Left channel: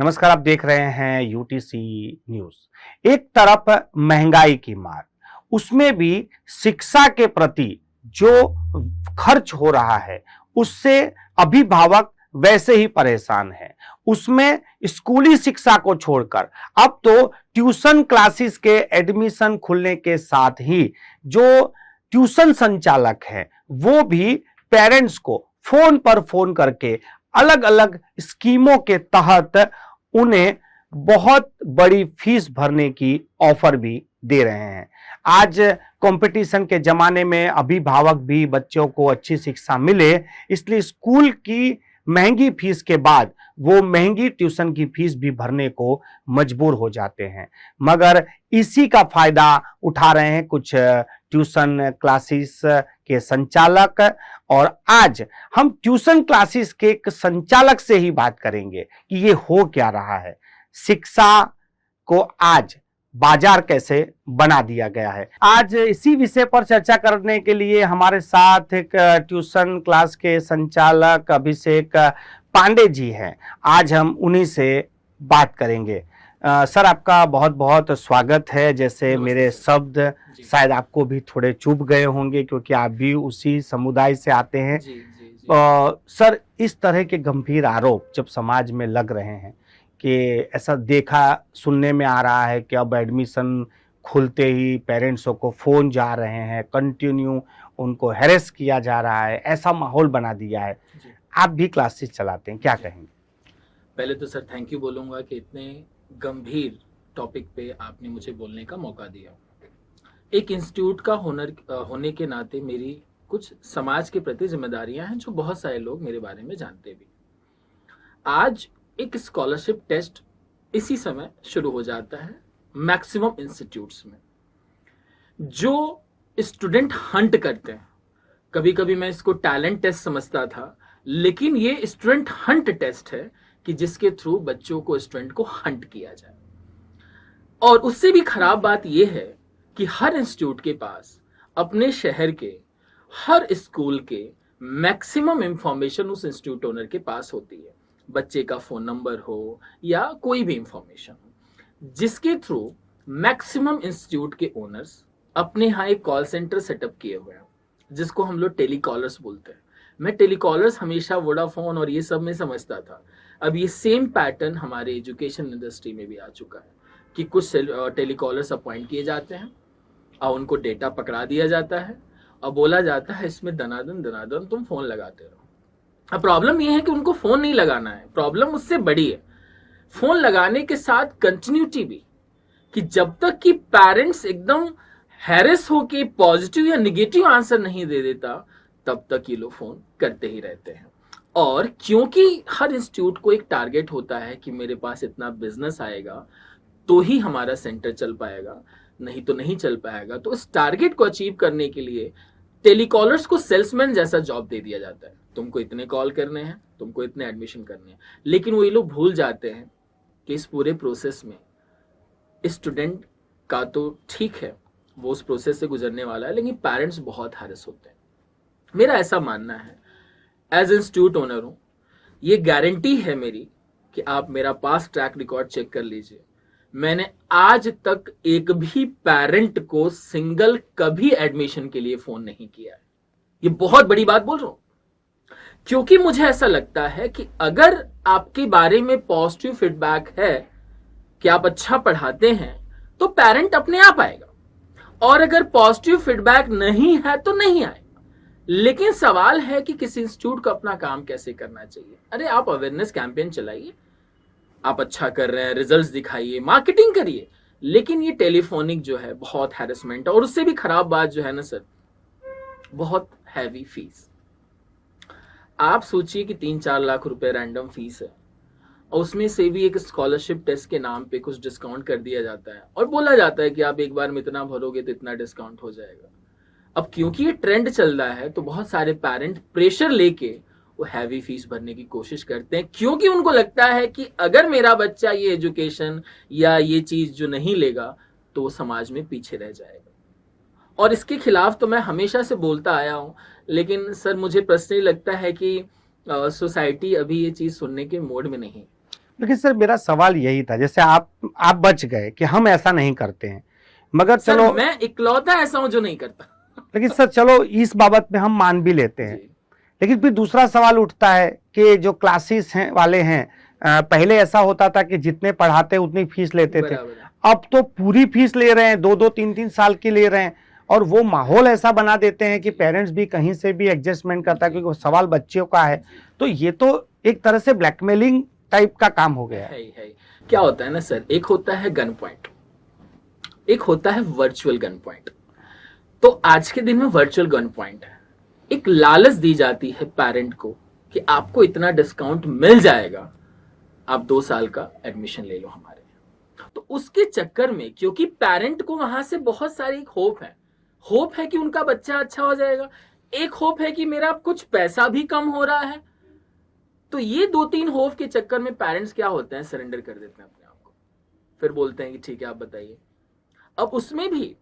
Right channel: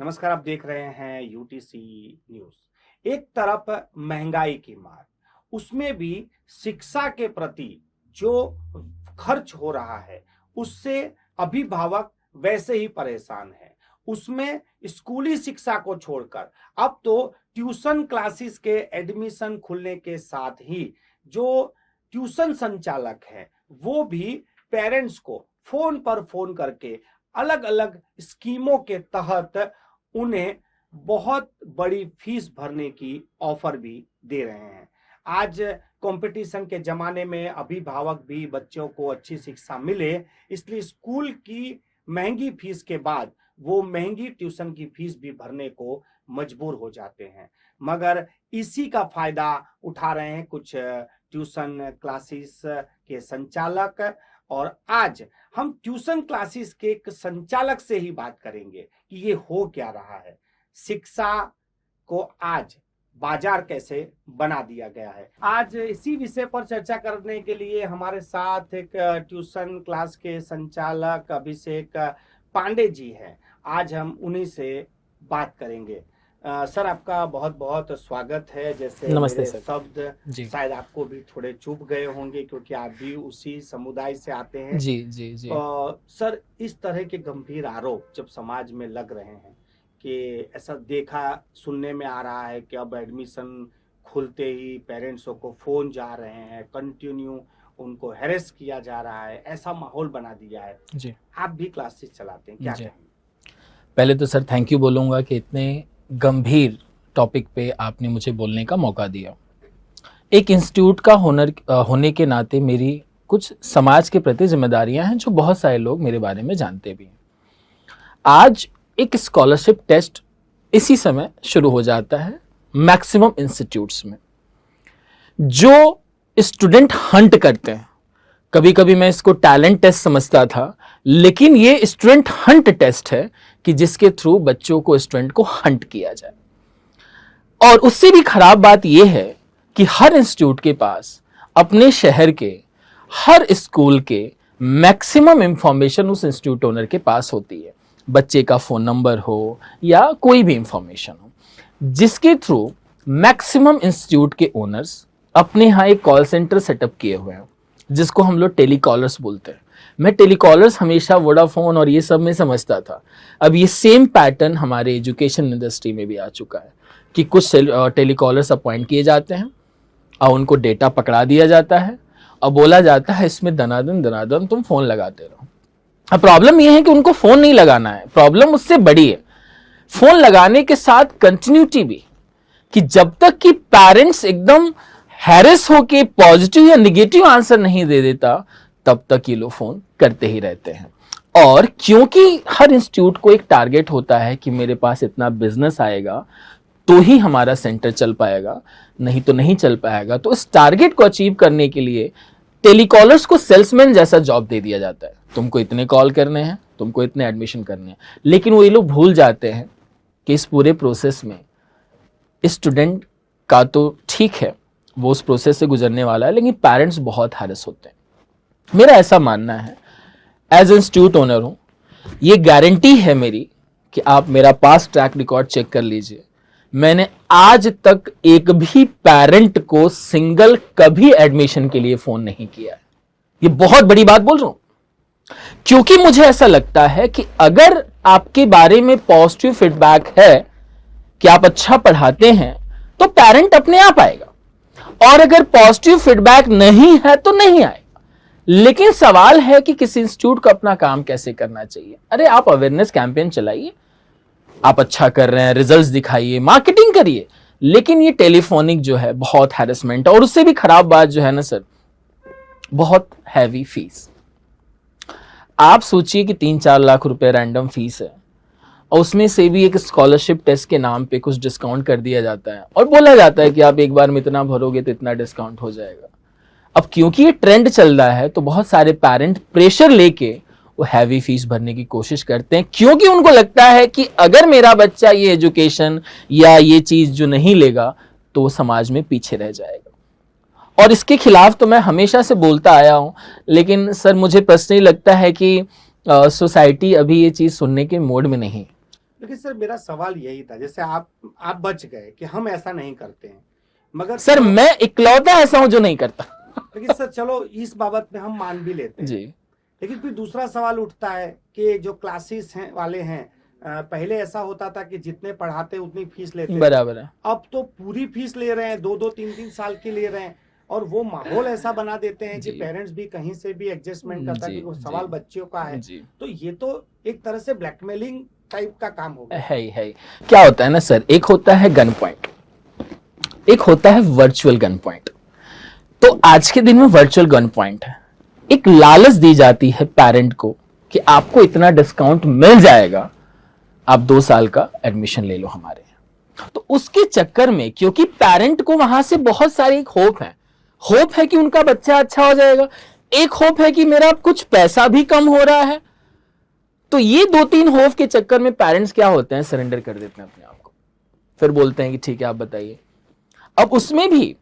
नमस्कार, आप देख रहे हैं यूटीसी न्यूज। एक तरफ महंगाई की मार, उसमें भी शिक्षा के प्रति जो खर्च हो रहा है उससे अभिभावक वैसे ही परेशान है। उसमें स्कूली शिक्षा को छोड़कर अब तो ट्यूशन क्लासेस के एडमिशन खुलने के साथ ही जो ट्यूशन संचालक हैं वो भी पेरेंट्स को फोन पर फोन करके अलग अलग स्कीमों के तहत उन्हें बहुत बड़ी फीस भरने की ऑफर भी दे रहे हैं। आज कंपटीशन के जमाने में अभिभावक भी बच्चों को अच्छी शिक्षा मिले, इसलिए स्कूल की महंगी फीस के बाद वो महंगी ट्यूशन की फीस भी भरने को मजबूर हो जाते हैं। मगर इसी का फायदा उठा रहे हैं कुछ ट्यूशन क्लासेस के संचालक। और आज हम ट्यूशन क्लासेस के एक संचालक से ही बात करेंगे कि ये हो क्या रहा है, शिक्षा को आज बाजार कैसे बना दिया गया है। आज इसी विषय पर चर्चा करने के लिए हमारे साथ एक ट्यूशन क्लास के संचालक अभिषेक पांडे जी हैं। आज हम उन्हीं से बात करेंगे। सर, आपका बहुत बहुत स्वागत है। जैसे मेरे शब्द शायद आपको भी थोड़े चुभ गए होंगे क्योंकि आप भी उसी समुदाय से आते हैं। जी जी जी। सर, इस तरह के गंभीर आरोप जब समाज में लग रहे हैं कि ऐसा देखा सुनने में आ रहा है कि अब एडमिशन खुलते ही पेरेंट्सों को फोन जा रहे हैं, कंटिन्यू उनको हैरेस किया जा रहा है, ऐसा माहौल बना दिया है जी। आप भी क्लासेस चलाते हैं, क्या कहेंगे? पहले तो सर थैंक यू बोलूँगा कि इतने गंभीर टॉपिक पे आपने मुझे बोलने का मौका दिया। एक इंस्टीट्यूट का होने के नाते मेरी कुछ समाज के प्रति जिम्मेदारियां हैं जो बहुत सारे लोग मेरे बारे में जानते भी हैं। आज एक स्कॉलरशिप टेस्ट इसी समय शुरू हो जाता है मैक्सिमम इंस्टीट्यूट्स में, जो स्टूडेंट हंट करते हैं। कभी कभी मैं इसको टैलेंट टेस्ट समझता था, लेकिन ये स्टूडेंट हंट टेस्ट है कि जिसके थ्रू बच्चों को, स्टूडेंट को हंट किया जाए। और उससे भी खराब बात यह है कि हर इंस्टीट्यूट के पास अपने शहर के हर स्कूल के मैक्सिमम इंफॉर्मेशन उस इंस्टीट्यूट ओनर के पास होती है। बच्चे का फोन नंबर हो या कोई भी इंफॉर्मेशन हो, जिसके थ्रू मैक्सिमम इंस्टीट्यूट के ओनर्स अपने यहाँ एक कॉल सेंटर सेटअप किए हुए हैं, जिसको हम लोग टेलीकॉलर्स बोलते हैं। मैं टेलीकॉलर्स हमेशा वोडाफोन और ये सब में समझता था। अब ये सेम पैटर्न हमारे एजुकेशन इंडस्ट्री में भी आ चुका है कि कुछ टेलीकॉलर्स अपॉइंट किए जाते हैं और उनको डेटा पकड़ा दिया जाता है और बोला जाता है इसमें दनादन तुम फोन लगाते रहो। अब प्रॉब्लम ये है कि उनको फोन नहीं लगाना है, प्रॉब्लम उससे बड़ी है। फोन लगाने के साथ कंटिन्यूटी भी, कि जब तक कि पेरेंट्स एकदम हैरेस होके पॉजिटिव या निगेटिव आंसर नहीं दे देता, तब तक ये लोग फोन करते ही रहते हैं। और क्योंकि हर इंस्टीट्यूट को एक टारगेट होता है कि मेरे पास इतना बिजनेस आएगा तो ही हमारा सेंटर चल पाएगा, नहीं तो नहीं चल पाएगा। तो इस टारगेट को अचीव करने के लिए टेलीकॉलर्स को सेल्समैन जैसा जॉब दे दिया जाता है। तुमको इतने कॉल करने हैं, तुमको इतने एडमिशन करने हैं। लेकिन वो ये लोग भूल जाते हैं कि इस पूरे प्रोसेस में स्टूडेंट का तो ठीक है, वो उस प्रोसेस से गुजरने वाला है, लेकिन पेरेंट्स बहुत हैरेस होते हैं। मेरा ऐसा मानना है, एज इंस्टीट्यूट ओनर हूं, ये गारंटी है मेरी कि आप मेरा पास्ट ट्रैक रिकॉर्ड चेक कर लीजिए। मैंने आज तक एक भी पेरेंट को सिंगल कभी एडमिशन के लिए फोन नहीं किया है। ये बहुत बड़ी बात बोल रहा हूं, क्योंकि मुझे ऐसा लगता है कि अगर आपके बारे में पॉजिटिव फीडबैक है कि आप अच्छा पढ़ाते हैं, तो पेरेंट अपने आप आएगा, और अगर पॉजिटिव फीडबैक नहीं है तो नहीं आएगा। लेकिन सवाल है कि किसी इंस्टीट्यूट को अपना काम कैसे करना चाहिए। अरे आप अवेयरनेस कैंपेन चलाइए, आप अच्छा कर रहे हैं, रिजल्ट्स दिखाइए, मार्केटिंग करिए, लेकिन ये टेलीफोनिक जो है बहुत हैरेसमेंट है। और उससे भी खराब बात जो है ना सर, बहुत हैवी फीस। आप सोचिए कि 3-4 लाख रुपए रैंडम फीस है, और उसमें से भी एक स्कॉलरशिप टेस्ट के नाम पे कुछ डिस्काउंट कर दिया जाता है और बोला जाता है कि आप एक बार में इतना भरोगे तो इतना डिस्काउंट हो जाएगा। अब क्योंकि ये ट्रेंड चल रहा है, तो बहुत सारे पेरेंट प्रेशर लेके वो हैवी फीस भरने की कोशिश करते हैं, क्योंकि उनको लगता है कि अगर मेरा बच्चा ये एजुकेशन या ये चीज जो नहीं लेगा तो वो समाज में पीछे रह जाएगा। और इसके खिलाफ तो मैं हमेशा से बोलता आया हूं, लेकिन सर मुझे पर्सनली लगता है कि सोसाइटी अभी ये चीज सुनने के मोड में नहीं। लेकिन सर मेरा सवाल यही था, जैसे आप बच गए कि हम ऐसा नहीं करते हैं, मगर सर चलो, मैं इकलौता ऐसा हूं जो नहीं करता। लेकिन सर चलो इस बाबत में हम मान भी लेते हैं, जी लेकिन फिर दूसरा सवाल उठता है कि जो क्लासेस हैं वाले हैं, पहले ऐसा होता था कि जितने पढ़ाते उतनी फीस लेते थे, बराबर है। अब तो पूरी फीस ले रहे हैं, 2-2 3-3 साल की ले रहे हैं, और वो माहौल ऐसा बना देते हैं कि जी। पेरेंट्स भी कहीं से भी एडजस्टमेंट करता है, जी, क्योंकि वो जी, सवाल बच्चों का है। जी। तो ये तो एक तरह से ब्लैकमेलिंग टाइप का काम हो गया। है क्या होता है ना सर, एक होता है गन पॉइंट, एक होता है वर्चुअल गन पॉइंट। तो आज के दिन में वर्चुअल गन पॉइंट है, एक लालच दी जाती है पेरेंट को कि आपको इतना डिस्काउंट मिल जाएगा, आप 2 साल का एडमिशन ले लो हमारे। तो उसके चक्कर में, क्योंकि पेरेंट को वहां से बहुत सारी एक होप है कि उनका बच्चा अच्छा हो जाएगा, एक होप है कि मेरा कुछ पैसा भी कम हो रहा है, तो ये 2-3 होप के चक्कर में पेरेंट्स क्या होते हैं, सरेंडर कर देते हैं अपने आप को, फिर बोलते हैं कि ठीक है आप बताइए। अब उसमें भी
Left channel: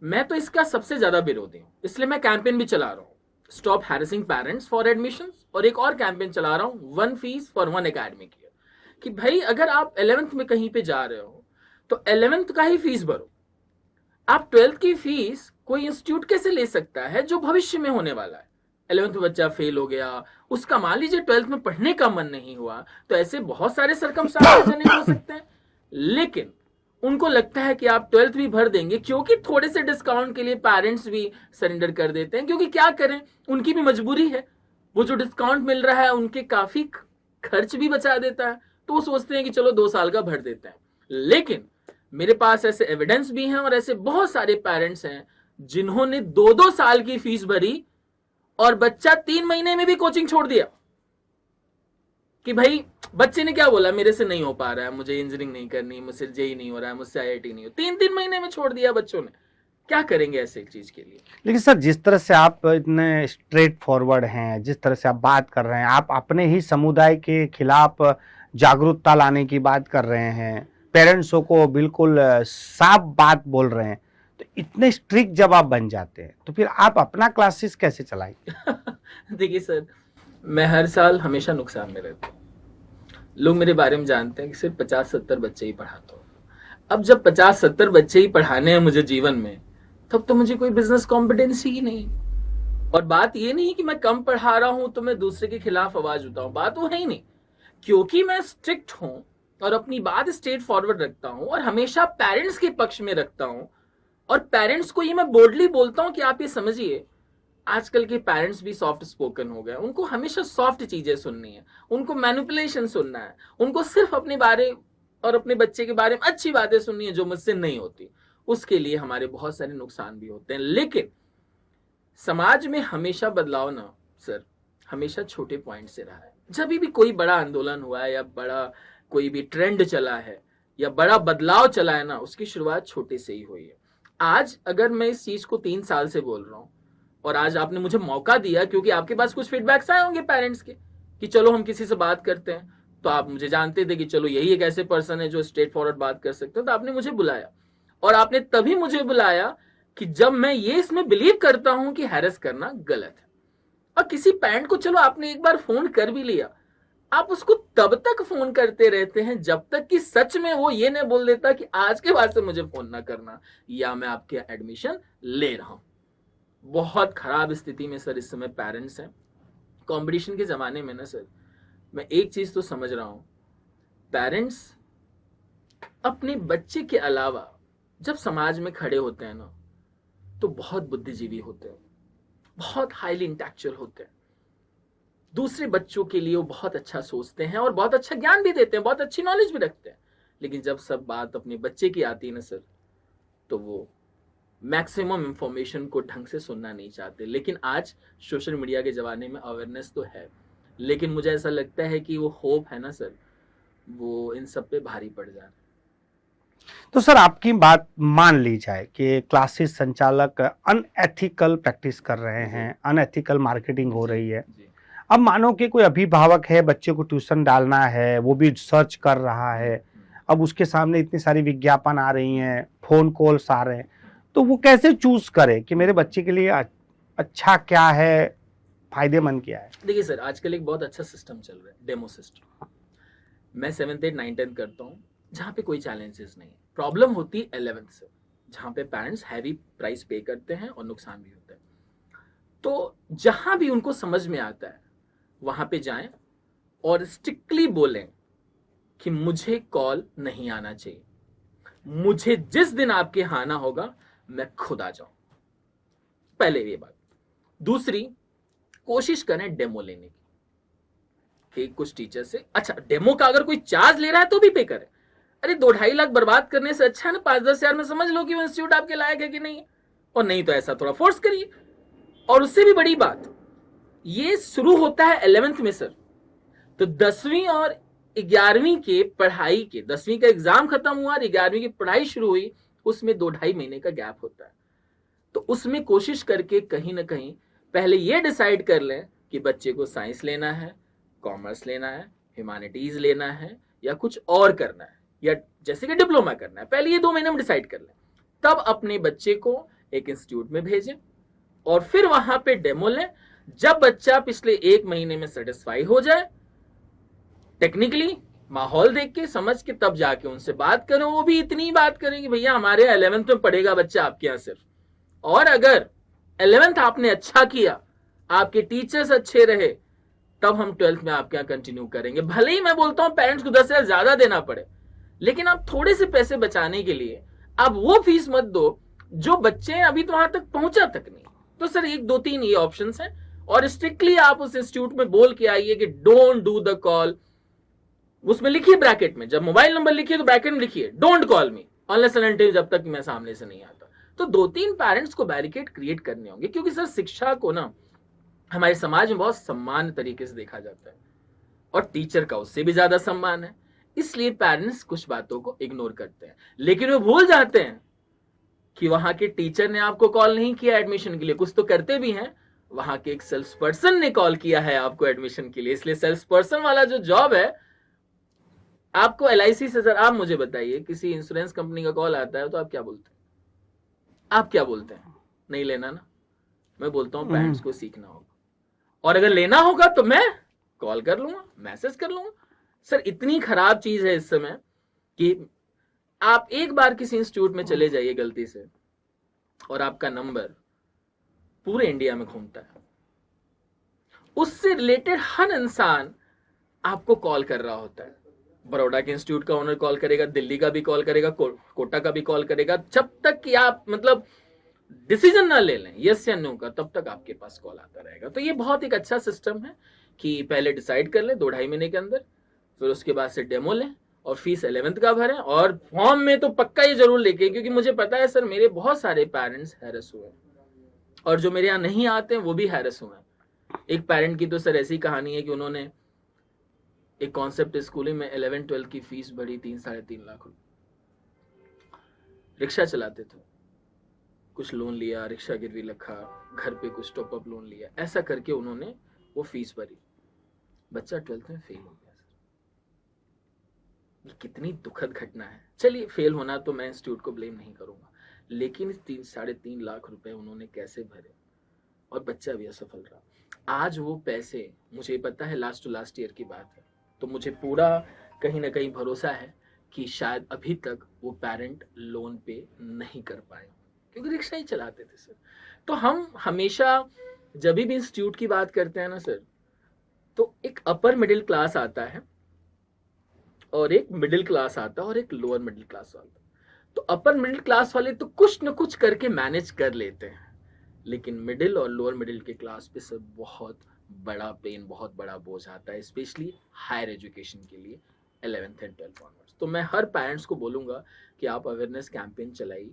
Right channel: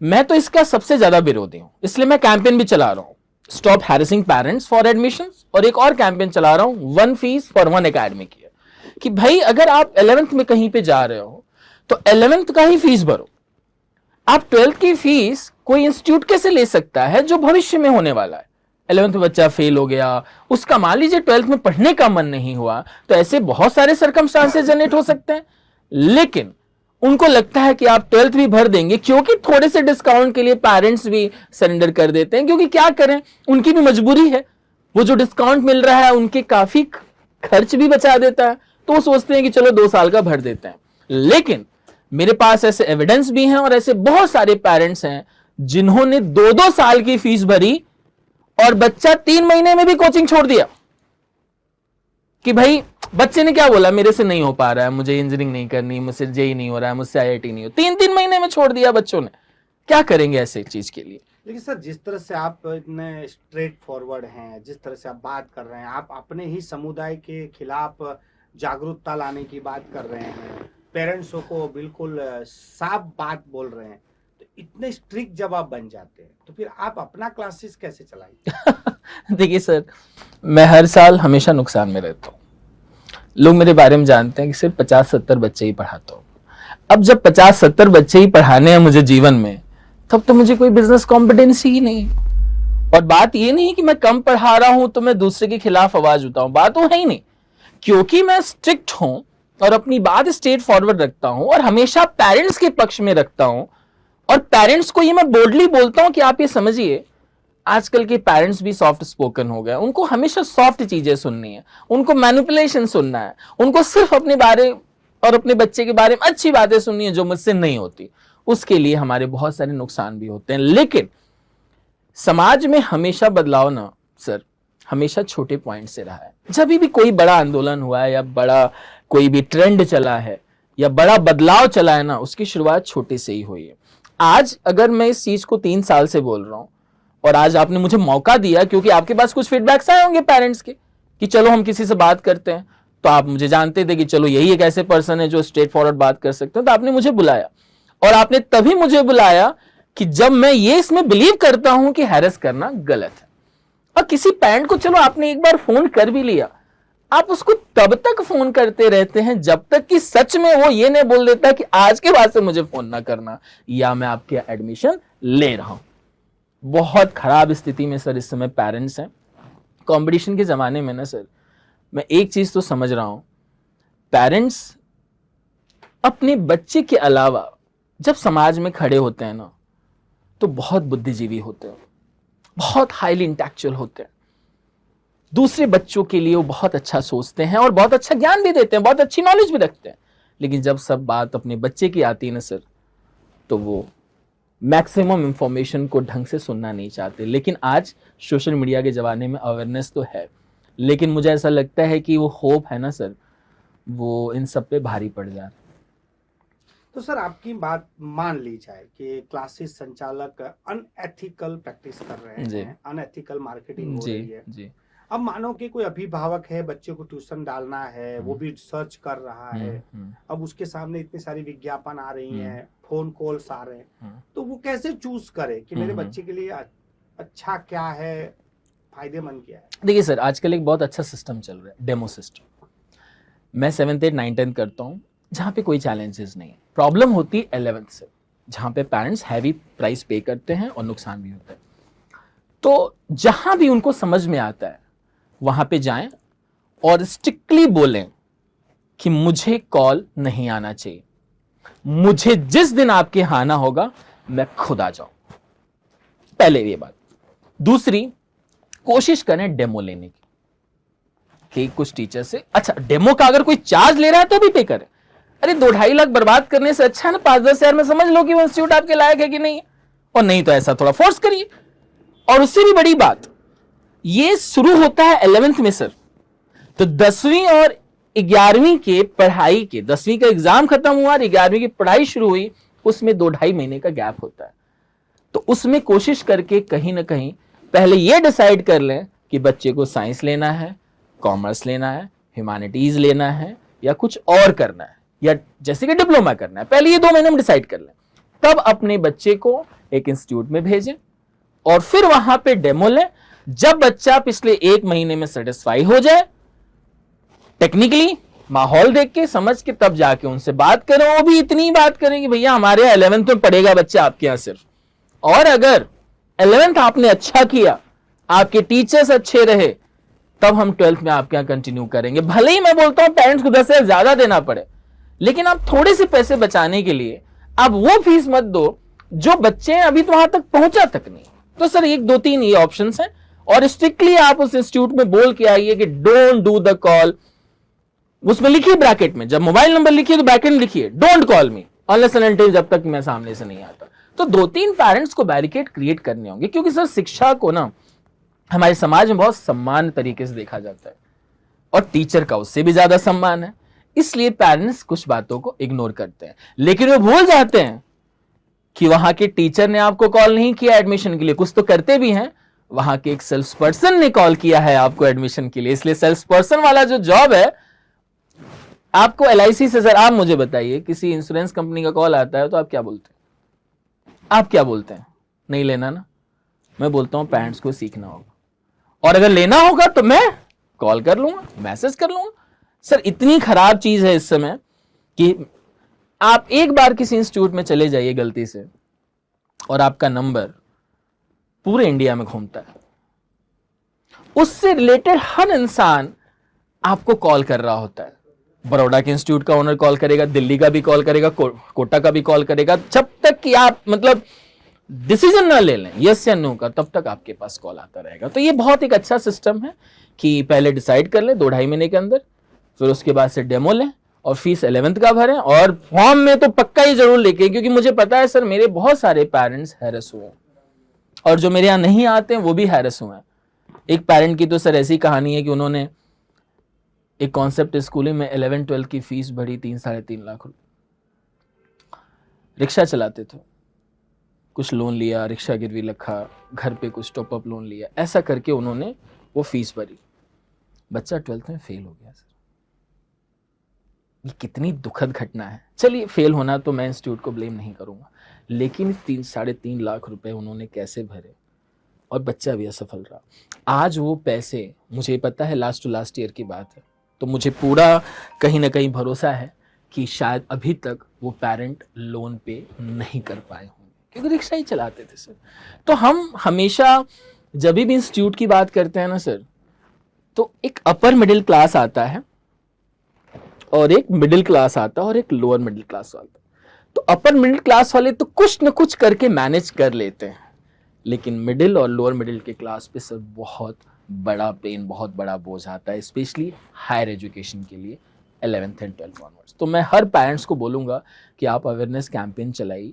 मैं तो इसका सबसे ज्यादा विरोधी हूं, इसलिए मैं कैंपेन भी चला रहा हूं, stop harassing parents for admissions, और एक और कैंपेन चला रहा हूं, 1 फीस फॉर 1 एकेडमिक ईयर, कि भाई अगर आप 11th में कहीं पे जा रहे हो तो 11th का ही फीस भरो। आप 12th की फीस कोई इंस्टीट्यूट कैसे ले सकता है जो भविष्य में होने वाला है? 11th में बच्चा फेल हो गया, उसका मान लीजिए 12th में पढ़ने का मन नहीं हुआ, तो ऐसे बहुत सारे सर्कमस्टांसेस जनरेट हो सकते हैं, लेकिन उनको लगता है कि आप 12th भी भर देंगे, क्योंकि थोड़े से डिस्काउंट के लिए पेरेंट्स भी सरेंडर कर देते हैं, क्योंकि क्या करें, उनकी भी मजबूरी है, वो जो डिस्काउंट मिल रहा है उनके काफी खर्च भी बचा देता है, तो वो सोचते हैं कि चलो 2 साल का भर देते हैं। लेकिन मेरे पास ऐसे एविडेंस भी हैं और ऐसे बहुत सारे पेरेंट्स हैं जिन्होंने 2-2 साल की फीस भरी और बच्चा 3 महीने में भी कोचिंग छोड़ दिया, कि भाई बच्चे ने क्या बोला, मेरे से नहीं हो पा रहा है, मुझे इंजीनियरिंग नहीं करनी, मुझसे जेई नहीं हो रहा है, मुझसे आईआईटी नहीं हो, 3-3 महीने में छोड़ दिया बच्चों ने। क्या करेंगे ऐसे चीज के लिए? लेकिन सर जिस तरह से आप इतने स्ट्रेट फॉरवर्ड हैं, जिस तरह से आप बात कर रहे हैं, आप अपने ही समुदाय के खिलाफ जागरूकता लाने की बात कर रहे हैं, पेरेंट्सों को बिल्कुल साफ बात बोल रहे हैं, तो इतने स्ट्रिक्ट जब आप बन जाते हैं तो फिर आप अपना क्लासेस कैसे चलाएंगे? देखिए सर, मैं हर साल हमेशा नुकसान में रहता हूँ। लोग मेरे बारे में जानते हैं कि सिर्फ 50-70 बच्चे ही पढ़ाता हूँ। अब जब 50-70 बच्चे ही पढ़ाने हैं मुझे जीवन में, तब तो मुझे कोई बिजनेस कॉम्पिटेंसी ही नहीं है। और बात ये नहीं कि मैं कम पढ़ा रहा हूं तो मैं दूसरे के खिलाफ आवाज उठाऊं, बात वो है ही नहीं, क्योंकि मैं स्ट्रिक्ट हूं और अपनी बात स्ट्रेट फॉरवर्ड रखता हूं और हमेशा पेरेंट्स के पक्ष में रखता हूं। और पेरेंट्स को ये मैं बोल्डली बोलता हूं कि आप ये समझिए, आजकल के पेरेंट्स भी सॉफ्ट स्पोकन हो गए, उनको हमेशा सॉफ्ट चीजें सुननी है, उनको मैनिपुलेशन सुनना है, उनको सिर्फ अपने बारे और अपने बच्चे के बारे में अच्छी बातें सुननी है जो मुझसे नहीं होती। उसके लिए हमारे बहुत सारे नुकसान भी होते हैं। लेकिन समाज में हमेशा बदलाव ना सर, हमेशा छोटे पॉइंट से रहा है। जब भी कोई बड़ा आंदोलन हुआ है या बड़ा कोई भी ट्रेंड चला है या बड़ा बदलाव चला है ना, उसकी शुरुआत छोटे से ही हुई है। आज अगर मैं इस चीज को 3 साल से बोल रहा हूं और आज आपने मुझे मौका दिया, क्योंकि आपके पास कुछ फीडबैक्स आए होंगे पेरेंट्स के कि चलो हम किसी से बात करते हैं, तो आप मुझे जानते थे कि चलो यही एक ऐसे पर्सन है जो स्ट्रेट फॉरवर्ड बात कर सकते हैं, तो आपने मुझे बुलाया। और आपने तभी मुझे बुलाया कि जब मैं ये इसमें बिलीव करता हूं कि हैरेस करना गलत है। और किसी पेरेंट को चलो आपने एक बार फोन कर भी लिया, आप उसको तब तक फोन करते रहते हैं जब तक कि सच में वो ये नहीं बोल देता कि आज के बाद से मुझे फोन ना करना या मैं आपके एडमिशन ले रहा हूं। बहुत खराब स्थिति में सर इस समय पेरेंट्स हैं। कंपटीशन के जमाने में ना सर, मैं एक चीज तो समझ रहा हूं, पेरेंट्स अपने बच्चे के अलावा जब समाज में खड़े होते हैं ना, तो बहुत बुद्धिजीवी होते हैं, बहुत हाईली इंटेलेक्चुअल होते हैं, दूसरे बच्चों के लिए वो बहुत अच्छा सोचते हैं और बहुत अच्छा ज्ञान भी देते हैं, बहुत अच्छी नॉलेज भी रखते हैं। लेकिन जब सब बात अपने बच्चे की आती है ना सर, तो वो मैक्सिमम इंफॉर्मेशन को ढंग से सुनना नहीं चाहते। लेकिन आज सोशल मीडिया के जमाने में अवेयरनेस तो है, लेकिन मुझे ऐसा लगता है कि वो होप है ना सर, वो इन सब पे भारी पड़ जाता है। तो सर आपकी बात मान ली जाए कि क्लासेस संचालक अनएथिकल प्रैक्टिस कर रहे हैं, अनएथिकल मार्केटिंग हो रही है, अब मानो कि कोई अभिभावक है, बच्चे को ट्यूशन डालना है, वो भी सर्च कर रहा है, अब उसके सामने इतनी सारी विज्ञापन आ रही हैं, फोन कॉल्स आ रहे हैं, तो वो कैसे चूज करे कि मेरे बच्चे के लिए अच्छा क्या है, फायदेमंद क्या है? देखिए सर, आजकल एक बहुत अच्छा सिस्टम चल रहा है, डेमो सिस्टम। मैं 7th 8 9 10 करता हूँ जहाँ पे कोई चैलेंजेस नहीं है। प्रॉब्लम होती है 11th से, जहाँ पे पेरेंट्स हैवी प्राइस पे करते हैं और नुकसान भी होता है। तो जहां भी उनको समझ में आता है वहां पे जाएं और स्ट्रिक्टली बोलें कि मुझे कॉल नहीं आना चाहिए, मुझे जिस दिन आपके यहाँ आना होगा मैं खुद आ जाऊं। पहले ये बात। दूसरी, कोशिश करें डेमो लेने की। कि कुछ टीचर से, अच्छा डेमो का अगर कोई चार्ज ले रहा है तो भी पे करें। अरे 2-2.5 लाख बर्बाद करने से अच्छा है ना 5-10 हजार में समझ लो कि वो इंस्टीट्यूट आपके लायक है कि नहीं, और नहीं तो ऐसा थोड़ा फोर्स करिए। और उससे भी बड़ी बात, ये शुरू होता है 11th में सर, तो 10वीं और 11वीं के पढ़ाई के, 10वीं का एग्जाम खत्म हुआ और 11वीं की पढ़ाई शुरू हुई, उसमें 2-2.5 महीने का गैप होता है। तो उसमें कोशिश करके कहीं ना कहीं पहले ये डिसाइड कर लें कि बच्चे को साइंस लेना है, कॉमर्स लेना है, ह्यूमैनिटीज लेना है, या कुछ और करना है, या जैसे कि डिप्लोमा करना है। पहले ये 2 महीने में डिसाइड कर लें, तब अपने बच्चे को एक इंस्टीट्यूट में भेजें और फिर वहां पे डेमो लें। जब बच्चा पिछले 1 महीने में सेटिस्फाई हो जाए, टेक्निकली माहौल देख के समझ के, तब जाके उनसे बात करें। वो भी इतनी बात करें कि भैया हमारे 11th में पढ़ेगा बच्चा आपके यहां सिर्फ, और अगर 11th आपने अच्छा किया, आपके टीचर्स अच्छे रहे, तब हम 12th में आपके यहां कंटिन्यू करेंगे। भले ही मैं बोलता हूं पेरेंट्स को 10 हजार ज्यादा देना पड़े, लेकिन आप थोड़े से पैसे बचाने के लिए आप वो फीस मत दो जो बच्चे अभी तो वहां तक पहुंचा तक नहीं। तो सर 1-2-3 ये ऑप्शंस हैं, और स्ट्रिक्टली आप उस इंस्टीट्यूट में बोल के आइए कि डोंट डू द कॉल। उसमें लिखिए ब्रैकेट में, जब मोबाइल नंबर लिखिए तो ब्रैकेट में लिखिए don't call me unless and until, जब तक मैं सामने से नहीं आता। तो 2-3 पेरेंट्स को बैरिकेड क्रिएट करने होंगे, क्योंकि सर शिक्षा को ना हमारे समाज में बहुत सम्मान तरीके से देखा जाता है, और टीचर का उससे भी ज्यादा सम्मान है। इसलिए पेरेंट्स कुछ बातों को इग्नोर करते हैं, लेकिन वे भूल जाते हैं कि वहां के टीचर ने आपको कॉल नहीं किया एडमिशन के लिए, कुछ तो करते भी हैं। वहां के एक सेल्स पर्सन ने कॉल किया है आपको एडमिशन के लिए। इसलिए सेल्स पर्सन वाला जो जॉब है आपको, LIC से, सर आप मुझे बताइए, किसी इंश्योरेंस कंपनी का कॉल आता है तो आप क्या बोलते हैं? आप क्या बोलते हैं? नहीं लेना ना। मैं बोलता हूं पेरेंट्स को सीखना होगा, और अगर लेना होगा तो मैं कॉल कर लूंगा, मैसेज कर लूंगा। सर इतनी खराब चीज है इस समय कि आप एक बार किसी इंस्टीट्यूट में चले जाइए गलती से, और आपका नंबर पूरे इंडिया में घूमता है। उससे रिलेटेड हर इंसान आपको कॉल कर रहा होता है। बड़ौदा के इंस्टीट्यूट का ओनर कॉल करेगा, दिल्ली का भी कॉल करेगा, कोटा का भी कॉल करेगा। जब तक कि आप मतलब डिसीजन ना ले लें यस या नो का, तब तक आपके पास कॉल आता रहेगा। तो ये बहुत एक अच्छा सिस्टम है कि पहले डिसाइड कर लें 2-2.5 महीने के अंदर, फिर उसके बाद से डेमो लें, और फीस 11th का भरें, और फॉर्म में तो पक्का ही जरूर लेके, क्योंकि मुझे पता है सर मेरे बहुत सारे पेरेंट्स हैरेस हुए हैं, और जो मेरे यहाँ नहीं आते हैं वो भी हैरेस हुए हैं। एक पेरेंट की तो सर ऐसी कहानी है कि उन्होंने एक कॉन्सेप्ट स्कूल में 11-12 की फीस भरी 3-3.5 लाख रुपए। रिक्शा चलाते थे, कुछ लोन लिया, रिक्शा गिरवी रखा, घर पे कुछ टॉपअप लोन लिया, ऐसा करके उन्होंने वो फीस भरी। बच्चा 12th में फेल हो गया सर। ये कितनी दुखद घटना है। चलिए फेल होना तो मैं इंस्टीट्यूट को ब्लेम नहीं करूंगा, लेकिन 3-3.5 लाख रुपए उन्होंने कैसे भरे, और बच्चा भी असफल रहा। आज वो पैसे, मुझे पता है लास्ट टू लास्ट ईयर की बात है, तो मुझे पूरा कहीं ना कहीं भरोसा है कि शायद अभी तक वो पेरेंट लोन पे नहीं कर पाए होंगे, क्योंकि रिक्शा ही चलाते थे सर। तो हम हमेशा जब भी इंस्टीट्यूट की बात करते हैं ना सर, तो एक अपर मिडिल क्लास आता है, और एक मिडिल क्लास आता है, और एक लोअर मिडिल क्लास आता है। तो अपर मिडिल क्लास वाले तो कुछ न कुछ करके मैनेज कर लेते हैं, लेकिन मिडिल और लोअर मिडिल के क्लास पे सर बहुत बड़ा पेन, बहुत बड़ा बोझ आता है, स्पेशली हायर एजुकेशन के लिए 11th एंड 12th ऑनवर्ड्स। तो मैं हर पेरेंट्स को बोलूँगा कि आप अवेयरनेस कैंपेन चलाइए।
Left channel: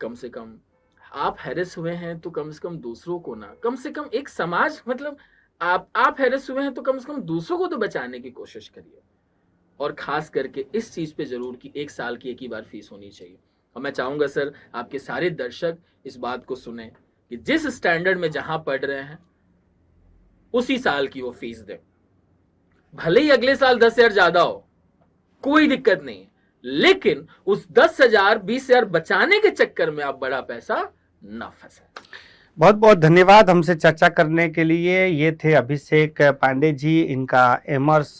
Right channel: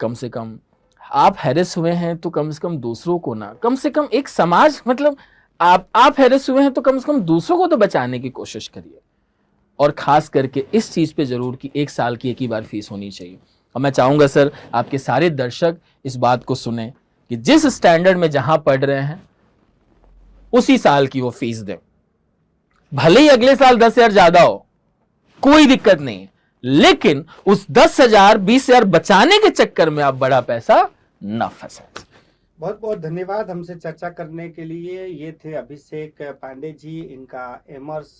कम से कम आप हैरेस हुए हैं तो कम से कम दूसरों को ना, कम से कम एक समाज, मतलब आप हैरेस हुए हैं तो कम से कम दूसरों को तो बचाने की कोशिश करिए। और खास करके इस चीज़ पे जरूर कि 1 साल की एक ही बार फीस होनी चाहिए। और मैं चाहूँगा सर आपके सारे दर्शक इस बात को सुने कि जिस स्टैंडर्ड में जहां पढ़ रहे हैं उसी साल की वो फीस दे। भले ही अगले साल 10,000 ज्यादा हो, कोई दिक्कत नहीं, लेकिन उस 10,000 20,000 बचाने के चक्कर में आप बड़ा पैसा ना फंसे। बहुत बहुत धन्यवाद हमसे चर्चा करने के लिए। ये थे अभिषेक पांडे जी, इनका एमर्स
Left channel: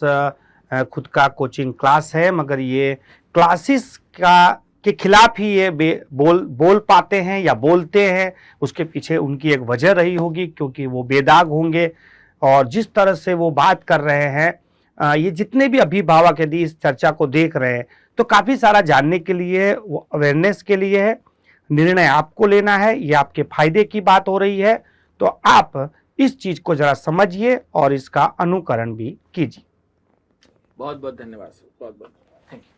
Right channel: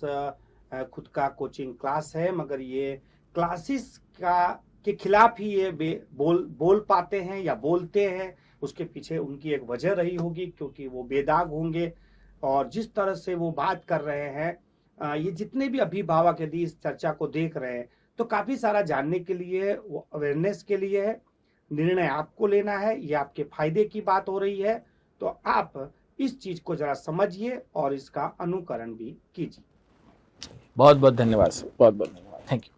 खुद का कोचिंग क्लास है, मगर ये क्लासेस के खिलाफ ही ये बोल पाते हैं या बोलते हैं। उसके पीछे उनकी एक वजह रही होगी, क्योंकि वो बेदाग होंगे और जिस तरह से वो बात कर रहे हैं, ये जितने भी अभिभावक यदि इस चर्चा को देख रहे हैं तो काफ़ी सारा जानने के लिए है, वो अवेयरनेस के लिए है। निर्णय आपको लेना है, ये आपके फायदे की बात हो रही है, तो आप इस चीज को जरा समझिए और इसका अनुकरण भी कीजिए। बहुत बहुत धन्यवाद सर, बहुत बहुत धन्यवाद, थैंक यू।